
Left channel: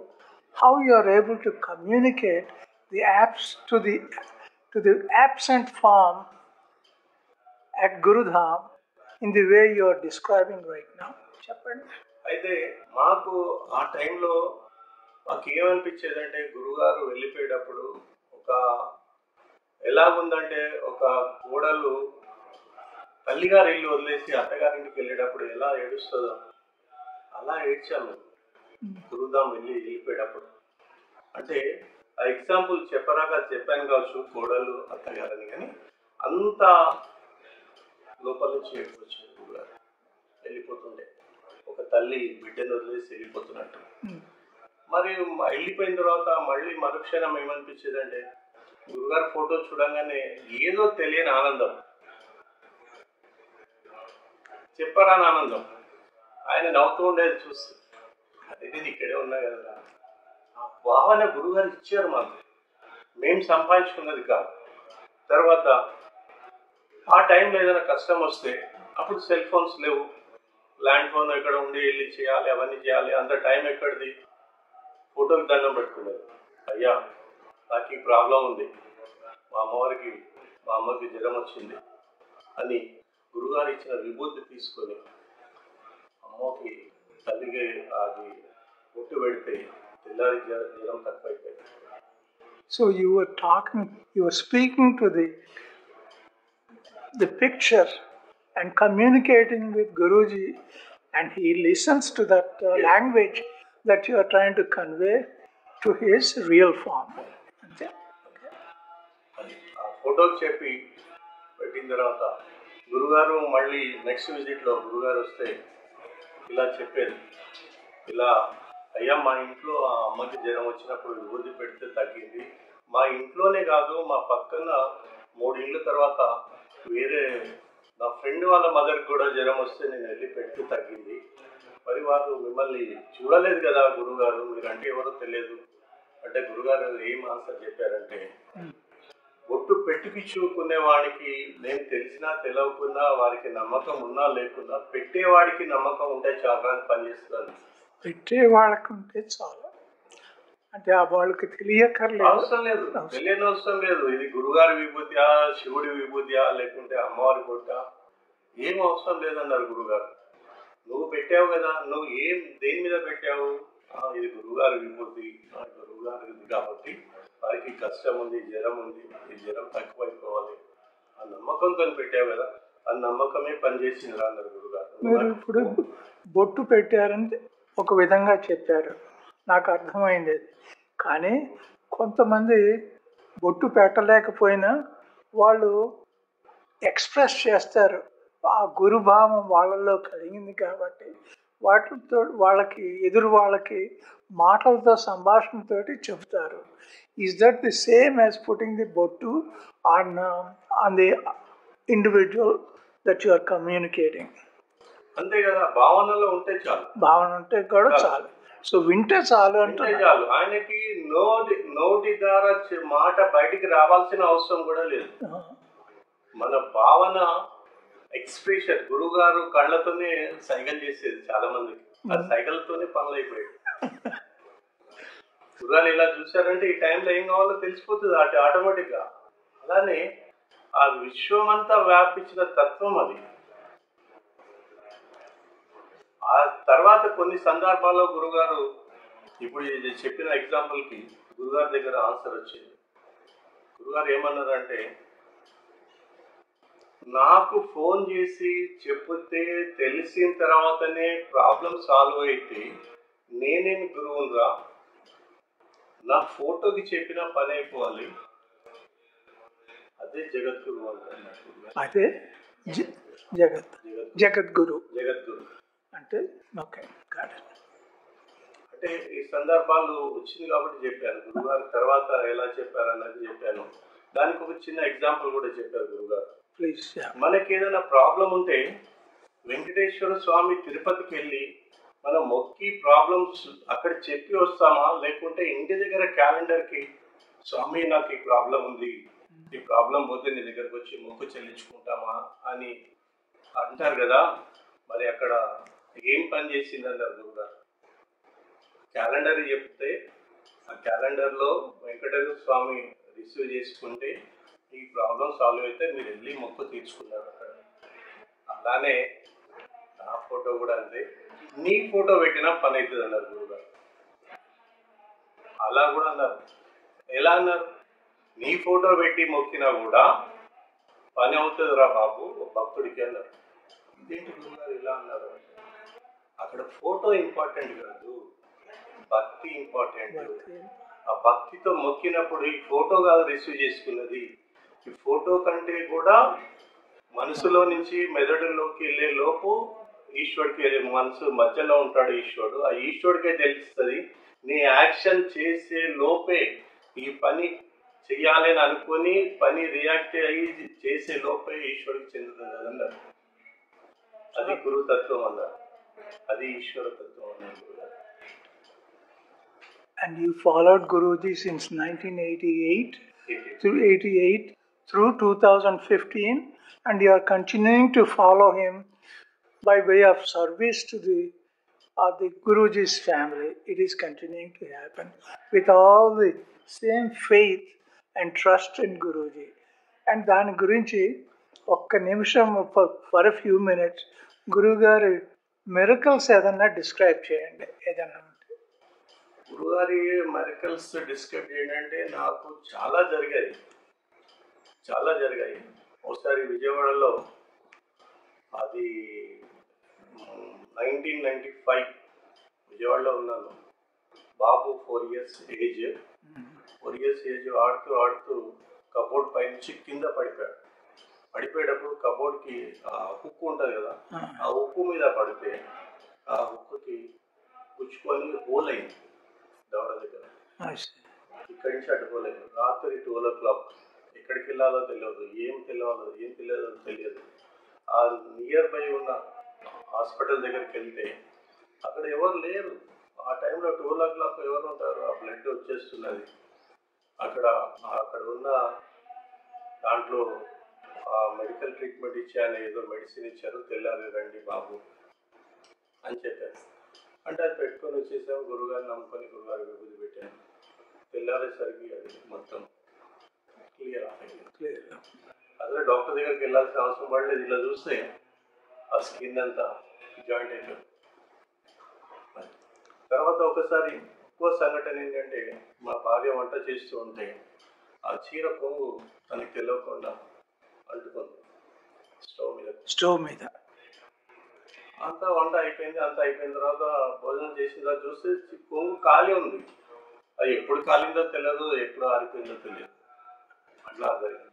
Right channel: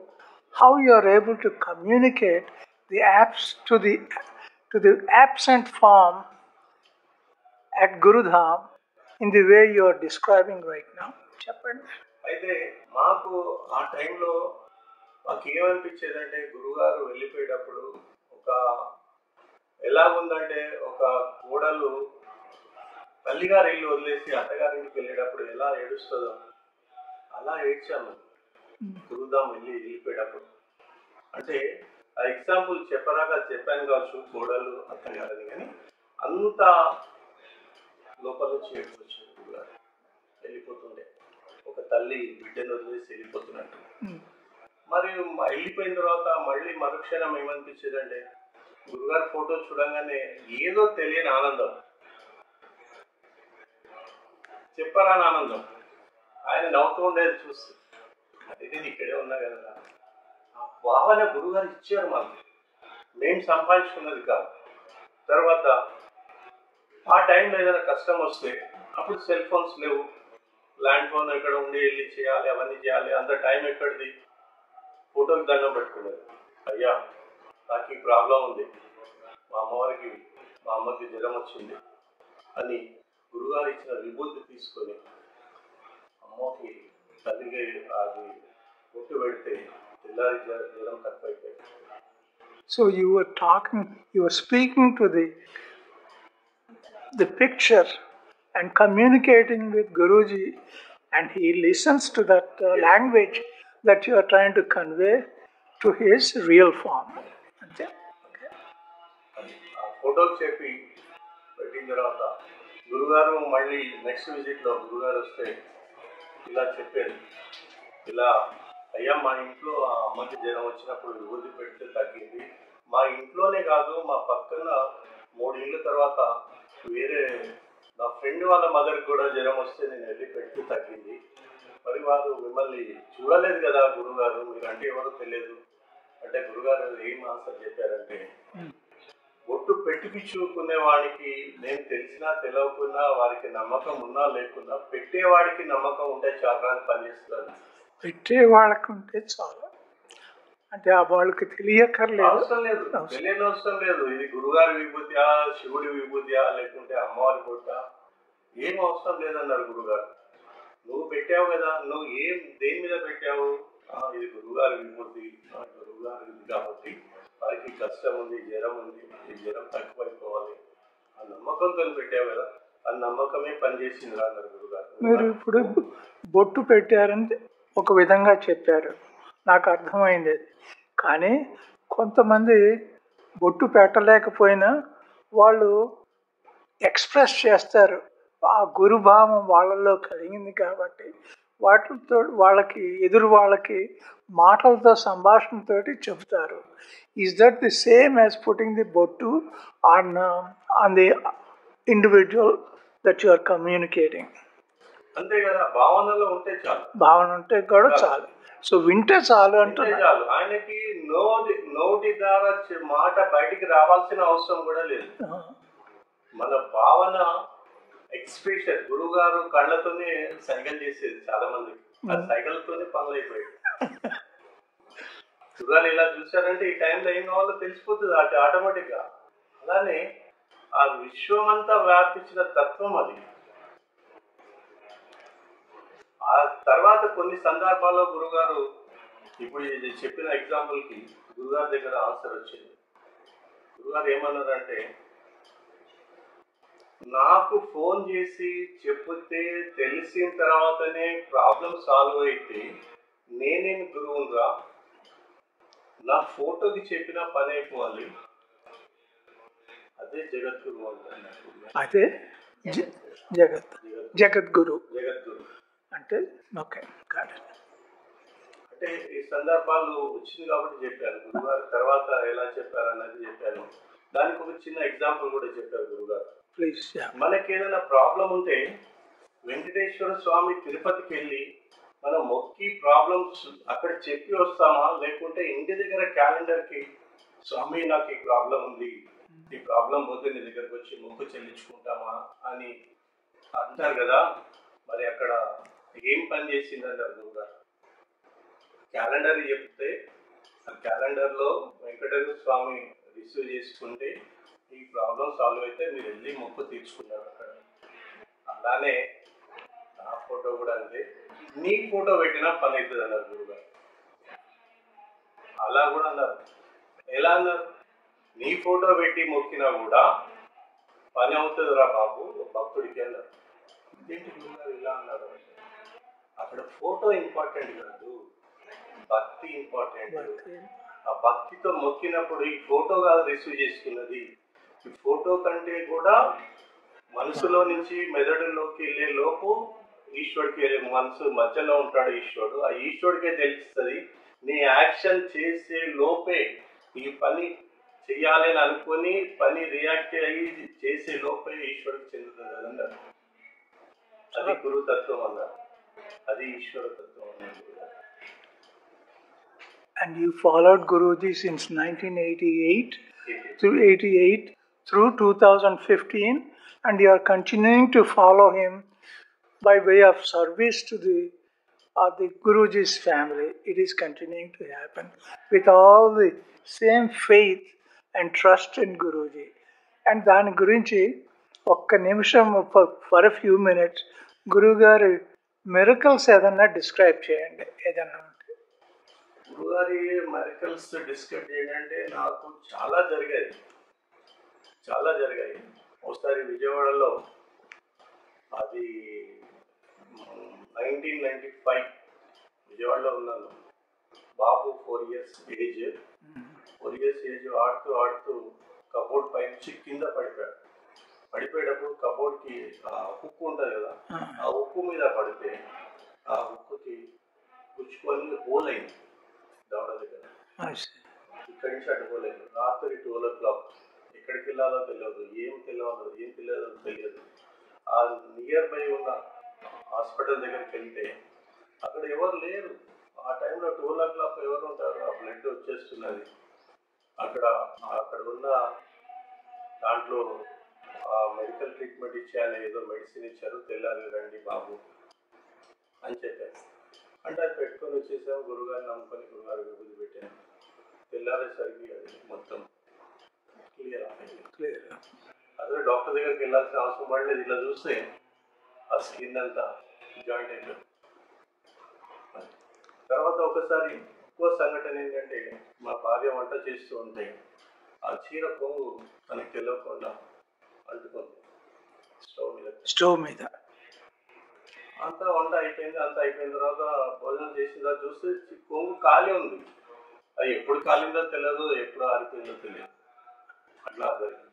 how you are able to communicate the apps to the absent form at Gurudham in the way you are describing right now. చెప్పండి. అయితే మాకు ఆ టైంలో మాకు ఏమనిపించేదంటే, గురుగారు వెళ్ళిపోయేటప్పుడు ఒక ఎలాగుందంటే, ఒక కోడలు తల్లిగారి ఇల్లు వదిలేసి అత్తగారింటికి వెళ్ళేటప్పుడు ఎలా ఏడుస్తుందో అలా ఏడ్చాము గురుధాం వెళ్ళిపోయేటప్పుడు. అంటే ఆ ఎగ్జాంపుల్ చెప్పరాగా చెప్పాను కావచ్చు, కోడలు అత్తగారని, కానీ అంత లోపల నుంచి ఏడుకొచ్చాడు గురుగారు. వెళ్ళిపోతుండే ఒక తల్లి బిడ్డను వదిలేసి వెళ్ళిపోతున్నట్టు. మరి వెళ్ళిపోయిన తర్వాత మళ్ళీ మరుక్షణం ఏమనిపించేదంటే, గురుగారు ఫోటో చూడంగానే ఏదో తెలియని ఆనందం, చెప్పరాని ఆనందం. ఆయన నవ్వుతూ ఉండేది చూసి, అదే నేను ఇక్కడే ఉన్నా కదా. ఆ భావన గురుగారు ఇచ్చారు మాకు, మేము సంపాదించుకున్నది కాదు. తర్వాత ఆ టైంలో ఏదైనా కష్టం వస్తే, అప్పుడు సెల్ ఫోన్స్ లేవు, ల్యాండ్ ఫోన్ ఎక్కడ ఉండి వెళ్ళి చేయాలి, అవన్నీ చేయాలి, అంత టైం ఎక్కడిది. ఫోటోకి దండం పెట్టుకునేది, అయ్యా నాకు ఈ ప్రాబ్లం ఉంది, మా అమ్మకి జ్వరం వచ్చింది అని గురుగారు ఇచ్చిన విభూతి తీసుకొని అమ్మకి తల్లికి అది పొట్టు పెడితే తెల్లారి జ్వరం తక్కువైపోయింది. So you were speaking to the picture and communicating with Guruji, and he listens to that language that you are trying to convey to his real form. ఆ ఫోటోకి చెప్పి పెట్టిన తర్వాత గురుగారు మళ్ళీ నెక్స్ట్ విజిట్లో గురుగారు వస్తే ఇలా చెప్పారు, ఇలా అయ్యా మా ఇంట్లో ఆ అమ్మకి జ్వరం వచ్చినప్పుడు విభూతి పెడితే తగ్గింది, మా ఇంట్లోనే కాదు మా పక్కన 3 ఇళ్ళ తర్వాత వేరే నా ఫ్రెండ్ వాళ్ళ మదర్కి కూడా జ్వరం వస్తే నేను వెళ్ళి పెడితే తగ్గింది, మరి వారు మిమ్మల్ని చూడలేదు కదా గురుగారు, మీరంటే ఎవరో తెలియదు అంటే గురుగారు ఏం ఆన్సర్ చెప్పారంటే, ఒట్టు పెట్టిపించుకునే వాడికి నేను తెలిసినా తెలియకున్నా వారికి నమ్మకం ఉన్నా లేకున్నా పెట్టేవాడికి నమ్మకం ఉంటే చాలా పనిచేస్తుంది. పెట్టే వాళ్ళకు ఉంటే చాలు, అంటే వాళ్ళకి తెలియకర్లేదు, అవసరం లేదు, తెలియని అవసరం లేదు. ఇది గురుగారి విభూతియా, శివుడి విభూతియా, లేకుంటే అమ్మవారి కొట్ట, ఏం అవసరం లేదన్నారు గురుగారు. నువ్వు పెట్టావు కదా, నువ్వు దేని మీద పెట్టావు, ఇది గురుగారి విభూతి, గురుగారి కాబట్టి వారికి కష్టం ఉంది, జ్వరం ఉంది, ఈ జ్వరం తక్కువైపోవాలి, ఆ నమ్మకంతో పెట్టావు కదా, ఆ నమ్మకమే పనిచేసింది అన్నారు గురుగారు. మీరు ఇప్పుడు బొట్టు పెట్టారని ఒక విధంగా చెప్పారు, నాకు అర్థమైంది. కానీ కొంతమంది బొట్టు పెట్టలేకపోయినా వాళ్ళు ఎక్స్ప్రెస్ చేస్తారు, ఆ గురుభావం వాళ్ళలో కలిగింది కాబట్టి వాటితో వాళ్ళకి ఎదురు వాళ్ళకి మాటలతో సంభాషణతోటి చెబుతారు. Is that the same as putting the bottu on the individual that you are communicating? అంతే కదా, భావనలో ఉంటే చాలు, భావన ఉంటే కూడా చాలు. సో వింటే చాలు అంటే చాలు, ఆయనకి నోటి ద్వారా మాట బయటికి రావాల్సిన అవసరం కూడా లేదు. మన భావన ఎక్స్ప్రెషన్, గురుగారు కళ్ళతోనే సైకిల్ చేసేది చాలా మందికి, ఆ సైకిల్తోనే పనులు అయిపోయాయి. గురుగారు ఇలా చూసారంటే ఈ టైంలో ఏం కావాలో తెలిసిపోతుంది ఆటోమేటిక్ గా. అలానే ఆ విశ్వమంతా వ్యాపించిన తత్వం అది. ఆ తర్వాత కొన్ని సందర్భాల్లో గురుగారు, ఇప్పుడు ఇది చెప్పిన ఎగ్జాంపుల్ కి గురుగారి దగ్గర ఆన్సర్ వచ్చింది. గురుగారు ఏమన్నారంటే, నాకు ఫోన్ చేసి చెప్తే తెలిసిన తర్వాతనే ప్రాబ్లం సాల్వ్ అయితే నేనేమి గురువుగా, నా ఫోటోకి చెప్పిన పని అయిపోవాలి, అదే జగద్గురు అంటారు. అదే జగద్గురు అంటే ఓకే. అంటే ఈ సందర్భాలు వచ్చింది కాబట్టి చెప్పాను. గురుగారు తర్వాత ఎలా చెప్పారు అనేది చెప్పాను. దానికి ఒక చిన్న ఎగ్జాంపుల్ కూడా చెప్పారు గురుగారు. మనకి ఏదైనా ప్రాబ్లం ఉంటే వెంకటేశ్వర స్వామి తిరుపతికి వెళ్ళి మనం మొక్కి ప్రాబ్లమ్స్ అక్కడ చెప్పి వస్తామా, లేకుంటే ఇంటి దగ్గర క్యాలెండర్ కి స్వామి నాకు ఈ ప్రాబ్లం ఉంది, ఈ ప్రాబ్లం పోతే నీ దగ్గరకు వచ్చి మొక్కు చెల్లించుకుంటామా అని అంటారు కదా. మరి అక్కడ ఏం పని చేసింది అన్నారు గురుగారు. క్యాలెండర్ చెప్తే ఆ క్యాలెండర్ లో వెంకటేశ్వర స్వామి రిసీవ్ చేసుకుంటే ఈ ప్రాబ్లం సాల్వ్ అయితే మీరు వెళ్ళి మొక్కు తీర్చుకున్నారు అక్కడ. అలానే నా ఫోటో కూడా అంతే, నీ ఫోటో పెట్టినా పని అవుతుంది అన్నారు గురుగారు. అలా కూడా అన్నారు. ఎలా అన్నారు? నీ ఫోటో పెట్టి మొక్కినా కూడా పని అవుతుంది రా బాబు భక్తుడికి అన్నారు. ఇదేంటి గురుగారు ఇలా అన్నారు? అక్కడ ఫోటో ఇంపార్టెంట్ కాదు, భక్తి ఇంపార్టెంట్. ఆ భక్తితో మొక్కినప్పుడు ఈ ఫోటో కాదు రిసీవ్ చేసుకున్నది, ఈ ఫోటో కంటే కూడా మనసులో నుంచి మెదడులోకి వెళ్ళే లోపు ఈశ్వరుడికి వెళ్ళే, మనసు మధ్యలో ఉంటాడు ఈశ్వరుడు, ఆ ఈశ్వరుడికే తెలుస్తుంది. నీ యాక్షన్ చేసే లోపే ఈ పని చెయ్యాలని అనుకొని పని రియాక్ట్ అయ్యి చేసే లోపే ఈశ్వరుడికి చెందుతుంది అన్నారు. అది గురుతత్వం అన్నారు, అది ఈశ్వర తత్వం అన్నారు. And you followed Guruji since 1988 through 2015, and you are continuing to follow him by way of service to the Guruji's family. It is continuing to happen with all the same faith and trust in Guruji. And దాని గురించి ఒక్క నిమిషం for a few minutes గురుగారి miracles ఏదన్నా describe చేయండి. ఏదన్నా గురుగారి miracles describe చేయండి. నాకు చాలా జరిగాయి. ఒకసారి విజయవాడలో, అది 1995 విజయవాడలో ఉన్నాను. బాబు 4 years ఏజ్ ఆడుతూ కబోర్డ్ పై నుంచి కింద పడిపోయాడు. పడిపోయేటప్పుడు కబోర్డ్కి హుక్ ఉంటుంది కదా, ఆ హుక్ మీద పడితే ఆ హుక్కి పుచ్చుకొని హోల్ అయింది దవడ దగ్గర. ఇక్కడి నుంచి అటు హోల్ అయింది. రాత్రి 12 o'clock. ఎక్కడికి వెళ్ళాలో తెలియదు, ఏం తెలియదో తెలియదు. ఆ నియర్ బై ఉన్న హాస్పిటల్ దగ్గరికి వెళ్తే అక్కడ ఎవరు లేరు. ఆ టైంలో 12 o'clock ఎవరు ఉంటారు? ఆ బ్లడ్ వచ్చేస్తున్నది. అక్కడ ఉన్న దాంట్లో మెడికల్ ట్రీట్మెంట్ ఇచ్చాను, ఏదో మెడిసిన్ ఇచ్చారు, తెల్లారి రండి బాబు అని చెప్పారు. అంటే అది పెట్టుకొని వచ్చేసాము. గురుగారిని నమ్ముకొని గురుగారి విభూతి పెట్టాను. తెల్లారేసరికి అది మొత్తం క్లియర్. అదే డాక్టర్ దగ్గరికి వెళ్ళాల్సిన అవసరం పడలేదు. ఇలా చూస్తే ఆ స్కిన్ అంతా జాయింట్ అయిపోయింది. తర్వాత ఒకసారి ఇంకో సంఘటన ఏంటంటే, మా భార్య వంట చేస్తూ ఉంటే ఆ చీర కొంగు తనకి తెలియకుండా అంటుకుంది స్టవ్ మీద. అంతా వంట అయిపోయింది. అంతా అయిపోయిన తర్వాత భోజనం చేసిన తర్వాత చూస్తే కొంగు ఖాళీ ఉంది. అది ఎప్పుడు కాలిందో తెలియదు, ఎప్పుడు ఆరిపోయిందో తెలియదు. అట్లా జరిగింది.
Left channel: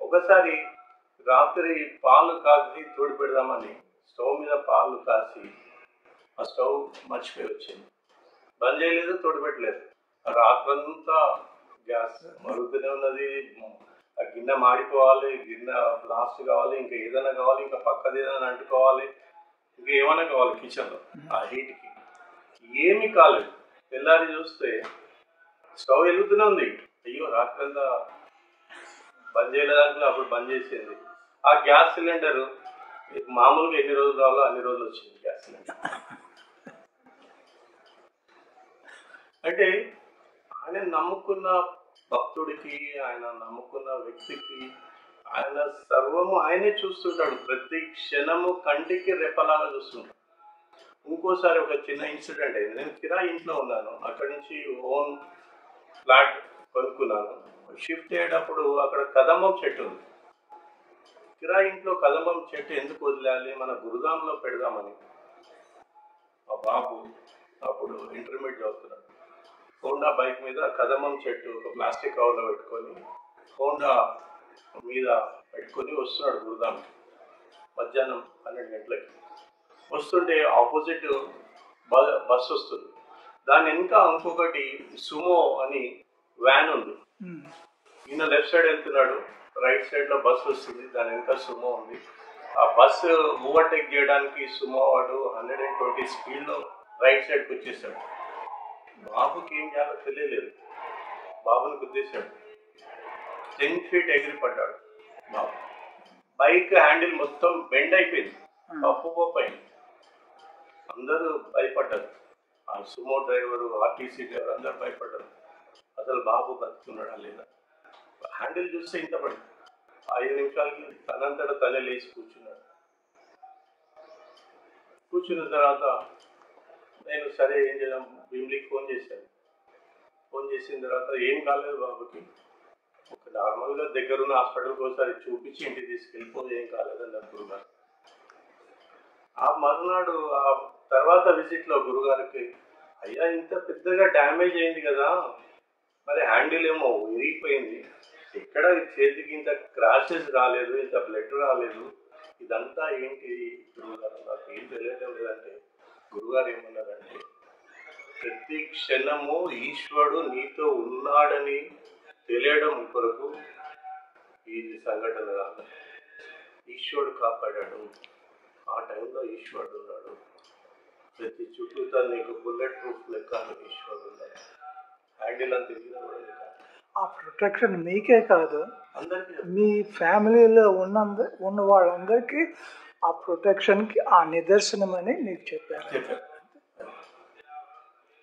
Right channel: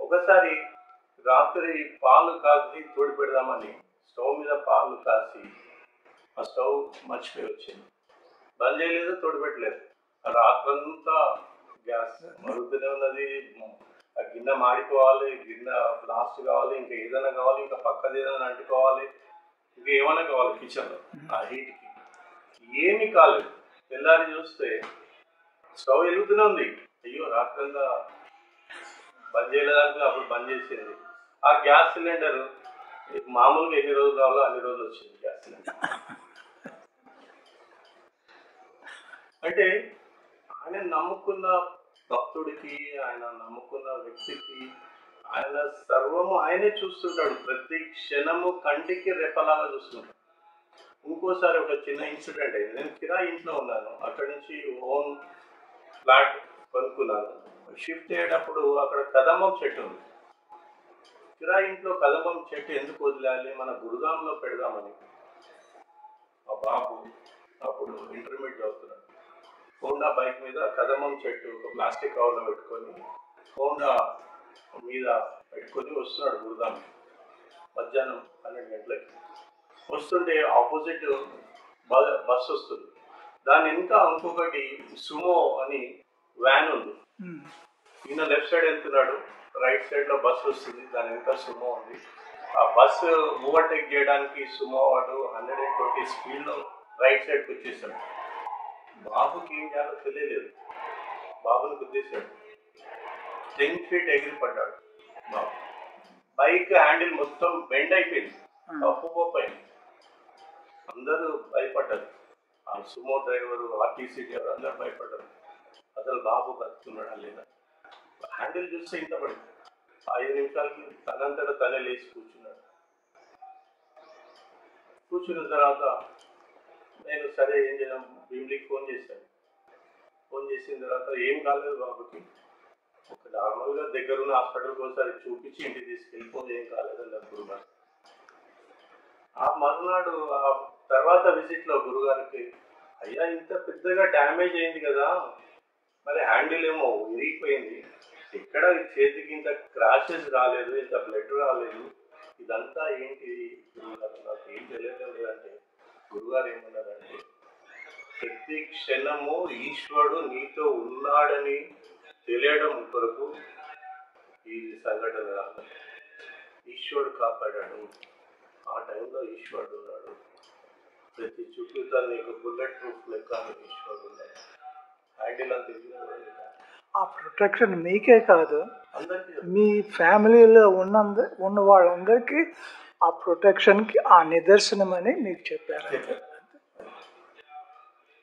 ఒకసారి రాత్రి పాలు కాసి తోడి పెడదామని స్టవ్ మీద పాలు కాసి ఆ స్టవ్ మర్చిపోయి వచ్చింది. బంద్ చేయలేదు, తోడి పెట్టలేదు. రాత్రంతా గ్యాస్ మరుగుతూనే ఉన్నది. ఆ గిన్నె మాడిపోవాలి, గిన్నె బ్లాస్ట్ కావాలి, ఇంకా ఏదైనా కావాలి, ఇంకా పక్కది ఏదైనా అంటుకోవాలి, ఇంకా ఏమైనా కావాలి కిచెన్లో. ఆ హీట్కి ఏమీ కాలేదు. తెల్లారి చూస్తే స్టవ్ వెలుగుతూనే ఉంది. అయ్యో రాత్రంతా బంద్ చేయలేదంటే అప్పుడు బంద్ చేసేది. ఆ గ్యాస్ సిలిండర్ మామూలుగా ఎన్ని రోజులు కావాలో అన్ని రోజులు వచ్చింది గ్యాస్ సిలిండర్. అంటే ఆయన నమ్ముకున్న భక్తుడికి, ఆయన నమ్ముకున్న వ్యక్తికి ఆయన సర్వము ఆయనే చూస్తుంటాడు. ప్రతి క్షణము కంటికి రెప్పలాగా చూస్తుంటాడు. ఇంకోసారి ఒక చిన్న ఇన్సిడెంట్ అయింది. నేను కిరాయి ఇంట్లో ఉన్నాను. అక్కడి నుంచి ఓన్ ఫ్లాట్ కొనుక్కున్నాను. షిఫ్ట్ అయ్యేటప్పుడు అక్కడ కదంబం చెట్టు ఉంది. కిరాయి ఇంట్లో కదంబం చెట్టు ఎందుకు వదిలేయాలి, మన గురుధాంలో పెడదామని మా బాబు అప్పుడు ఇంటర్మీడియట్ చదువుతున్నాడు. హోండా బైక్ మీద కదంబం చెట్టు ఒక ప్లాస్టిక్ కవర్లో పెట్టుకొని హోండా మీద పెట్టుకొని వస్తున్నాడు గురుధాంకి. మధ్యాహ్నం 12 గంటలకి వస్తుంటే ఆపోజిట్ బస్ వస్తుంది. దాని వెనుక ఇంకొకటి సుమో అని వ్యాన్ ఉంది. ఈయన లెఫ్ట్ సైడ్ వెళ్తున్నాడు, రైట్ సైడ్ లో బస్సు వస్తుంది, దాని వెనుక సుమో ఉంది. ఆ బస్సు ఓవర్టేక్ చేయడానికి సుమో వాడు 120 స్పీడ్ లో రైట్ సైడ్కి వచ్చేసాడు. బాబుకి ఏం చేయాలో తెలియలేదు. బాబుని గుద్దేశాడు. 10 feet ఎగిరి పడ్డాడు బాబు. బైక్ హ్యాండిల్ మొత్తం బెండ్ అయిపోయింది, అయింది. అందరూ భయపడ్డారు. ఆ సుమో డ్రైవరు, ఆర్టీసీ డ్రైవర్ అందరూ భయపడ్డారు. అసలు బాబు బతుకున్నాడా లేదా. హ్యాండిల్ చూస్తే ఇంత పడి 5 నిమిషాలకి తనంతట తనే లేచి కూర్చున్నాడు. కూర్చున్న తర్వాత నేను సరే ఏం చేద్దాం, భీమ్లీకి ఫోన్ చేశాను. ఫోన్ చేసిన తర్వాత ఏం కాలేదు బాబుకి, ఒక నార్మల్గా దగ్గరున్న హాస్పిటల్కి ఒకసారి చూపించి ఇంటికి తీసుకెళ్ళిపోయి ఏం కాలేదని అనుకున్నాను. ఆ మర్నాడు ఆ తర్వాత విజిట్ లో గురుగారికి, అయ్యా ఇంత పెద్దగా డ్యామేజ్ అయింది కదా, మరి హ్యాండిల్ ఏమో విరిగిపోయింది, ఇక్కడ చేతికి ఇంత క్రాషెస్ రాలేదు, ఇంత బ్లడ్ రాలేదు, ఇదంతా ఏంటి గురుగారు, నాకు ఏం తెలియడం లేదంటే గురుగారు ఏమన్నారంటే, ప్రతి క్షణము ఈశ్వరుడు నీతో ఉన్నాడని తెలియడం కొరకు ఈ సంఘటన కాదు. ఈశ్వరుడు కాపాడాడు. ఆ టైంలో ఈశ్వరుడు ఉన్నాడు. ప్రతి చుట్టూతా నీకు బుల్లెట్ ప్రూఫ్ లెక్క ఈశ్వరుడు ఉన్నాడు. హ్యాండిల్ అంత ఆ ప్రొటెక్షన్ మీకే కాదు, మీ ఫ్యామిలీలో ఉన్న వాళ్ళందరికీ ఆ ప్రొటెక్షన్కి ఆ నిదర్శనం అని మీకు చెప్పారు.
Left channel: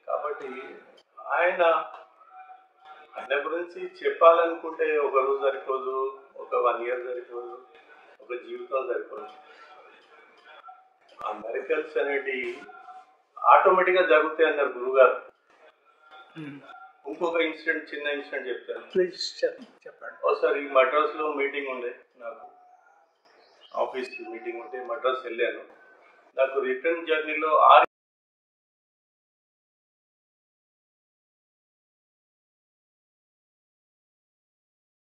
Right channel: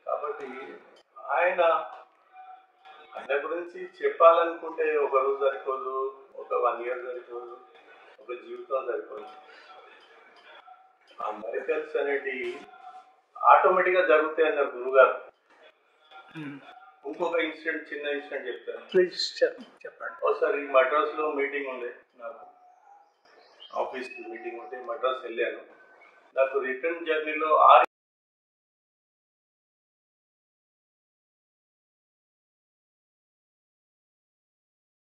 కాబట్టి ఆయన గురించి చెప్పాలనుకుంటే ఒక రోజు సరిపోదు, ఒక 1 year సరిపోదు, ఒక జీవితం సరిపోదు. ఆ మెరికల్స్ అనేటి ఆటోమేటిక్ గా జరుగుతాయి అన్నారు గురుగారు. ఇంకొక ఇన్సిడెంట్, చిన్న ఇన్సిడెంట్ చెప్తాను. ప్లీజ్ చెప్పండి. ఒకసారి మద్రాస్ లో మీటింగ్ ఉండే, నాకు ఆఫీస్ మీటింగ్ ఉంటే మద్రాస్ వెళ్ళాను. నాకు రిటర్న్ జర్నీలో